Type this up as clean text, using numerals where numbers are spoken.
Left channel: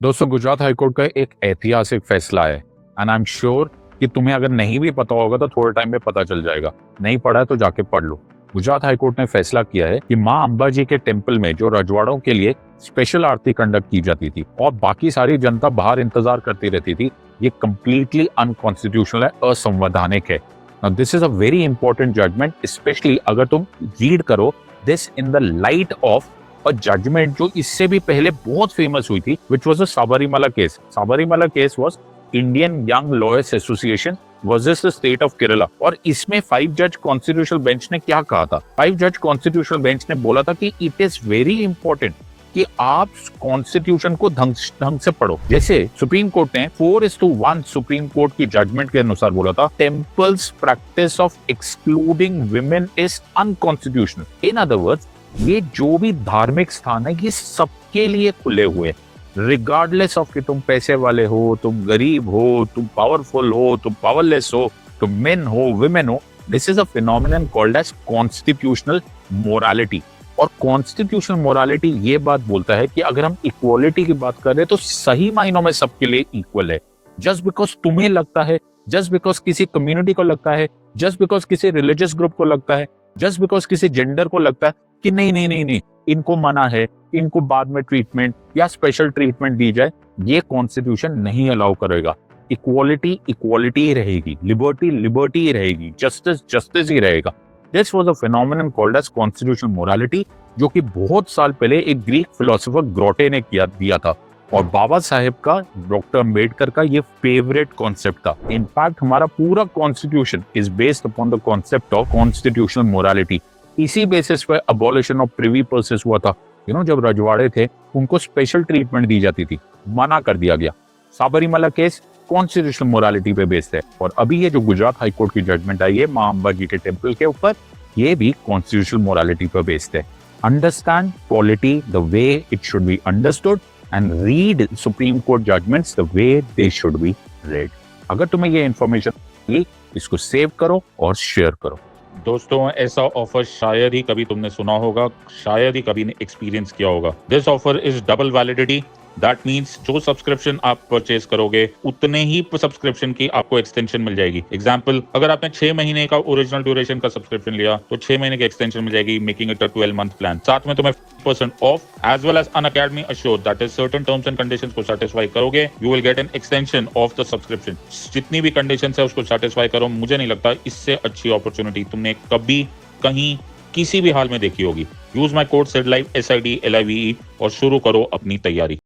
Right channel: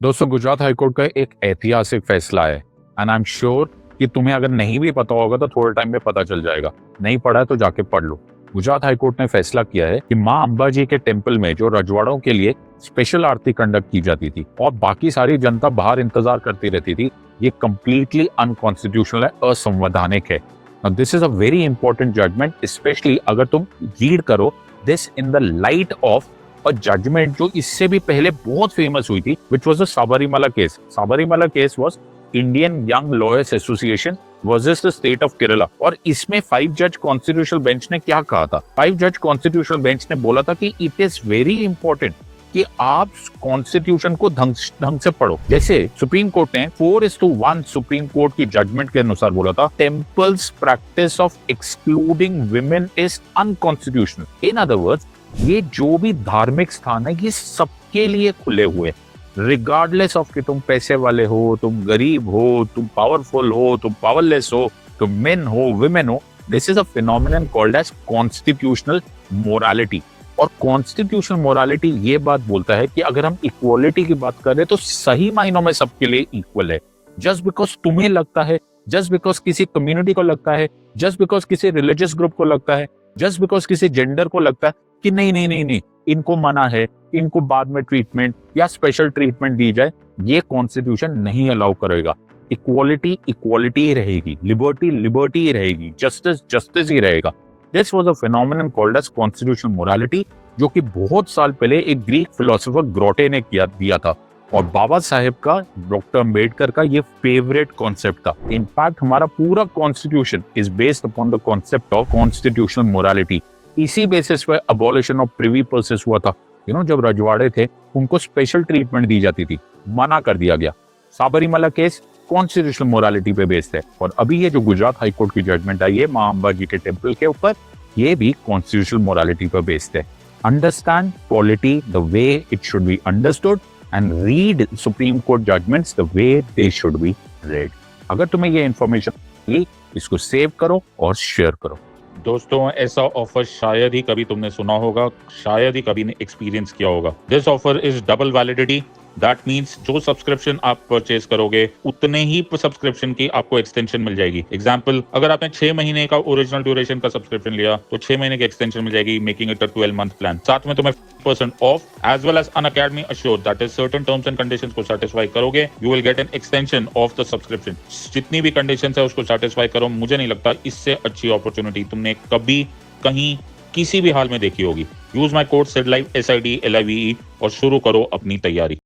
दोस्तों, गुजरात हाईकोर्ट का एक ऐतिहासिक फैसला है एंड आई एम श्योर कि तुम्हें अगर नहीं भी पता होगा तो थोड़े टाइम में पता चल जाएगा। नहीं पढ़ा है तो जाके पढ़ लो। गुजरात हाईकोर्ट ने फैसला किया है कि माँ अम्बा जी के टेम्पल में जो रजवाड़ों के लिए स्पेशल आरती कंडक्ट की जाती थी और बाकी सारी जनता बाहर इंतजार करती रहती थी, ये कंप्लीटली अनकॉन्स्टिट्यूशनल है, असंवैधानिक है। This is a very important judgment, specially अगर तुम रीड करो this in the light of और जजमेंट जो इससे भी पहले बहुत फेमस हुई थी, which was the Sabarimala case. Sabarimala case was Indian young lawyers association versus the state of Kerala. और इसमें 5 जज कॉन्स्टिट्यूशनल बेंच ने क्या कहा था? 5 जज कॉन्स्टिट्यूशनल बेंच ने बोला था कि इट इज वेरी इंपॉर्टेंट कि आप कॉन्स्टिट्यूशन को ढंग से पढ़ो। जैसे सुप्रीम कोर्ट ने 4:1 सुप्रीम कोर्ट की जजमेंट के अनुसार बोला था, temples practice of excluding women is unconstitutional. In other words, ये जो भी धार्मिक स्थान है ये सबके लिए खुले हुए, रिगार्डलेस ऑफ कि तुम पैसे वाले हो, तुम गरीब हो, तुम पावरफुल हो, तुम पावरलेस हो, तुम मेन हो, विमेन हो। This is a phenomenon called as constitutional morality. और कॉन्स्टिट्यूशनल मोरालिटी ये बात बोलता है कि अगर हम इक्वालिटी की बात कर रहे हैं तो सही मायनों में सबके लिए इक्वल है। जस्ट बिकॉज तुम्हें लगता है, जस्ट बिकॉज किसी कम्युनिटी को लगता है, जस्ट बिकॉज किसी रिलीजियस ग्रुप को लगता है, जस्ट बिकॉज किसी जेंडर को लगता है कि नहीं नहीं नहीं नहीं इनको मना है, इनको बाद में ट्रीटमेंट या स्पेशल ट्रीटमेंट दी जाए, ये कॉन्स्टिट्यूशन नहीं अलाउ करेगा। इक्वालिटी इक्वालिटी ही रहेगी, लिबर्टी लिबर्टी ही रहेगी, जस्टिस जस्टिस ही रहेगा। This was a phenomenon called as constitutional morality, जो कि बहुत साल पहले एक ग्रीक फिलोसोफर ग्रोटे ने दिया था और बाबा साहेब का, डॉक्टर अम्बेडकर का ये फेवरेट कॉन्सेप्ट था। इनफैक्ट हमारा पूरा constitution is based upon the concept of constitutional morality. इसी बेसिस पे अबॉलिशन ऑफ प्रिवी पर्सेस हुआ था। जब रजवाड़े थे उनको स्पेशल ट्रीटमेंट दी जाती थी, मना कर दिया गया। साबरीमाला केस कॉन्स्टिट्यूशनल मोरालिटी पे बेस्ड है और अभी ये जो गुजरात हाईकोर्ट की जजमेंट आई है माँ अम्बा जी के टेम्पल के ऊपर, ये भी कॉन्स्टिट्यूशनल मोरालिटी पे बेस्ड है। Understand polity the way it should be understood and read supreme court judgments the way they should be read. अगर तुम्हें ये इंफॉर्मेशन मिली, इसको सेव करो और शेयर करो। दोस्तों, ऐसा ऑफर शायद ही कभी तुमने सुना होगा, शायद ही कभी एक्सपीरियंस किया होगा। This offer is double validity. That means जो सब्सक्रिप्शन आप परचेज करोगे उतने ही सब्सक्रिप्शन की आपको एक्सटेंशन मिल जाएगी। एग्जांपल, अगर आपने 6 महीने का ओरिजिनल ड्यूरेशन का सब्सक्रिप्शन लिया तो 6 महीने की एक्सटेंशन मिल जाएगी, making it a 12-month plan. साथ में तुम्हें 50% off as well as Unacademy assure, that is certain terms and conditions को सेटिस्फाई करोगे, you will get an extension of the subscription. जितनी भी कंडीशंस है उसको सेटिस्फाई करो। मुझे नहीं लगता इससे अच्छी अपॉर्चुनिटी तुमने कभी कहीं किसी भी हाल में देखी होगी। Use my code SIDLIVE SIDLIVE और शुरू करो अपनी तैयारी।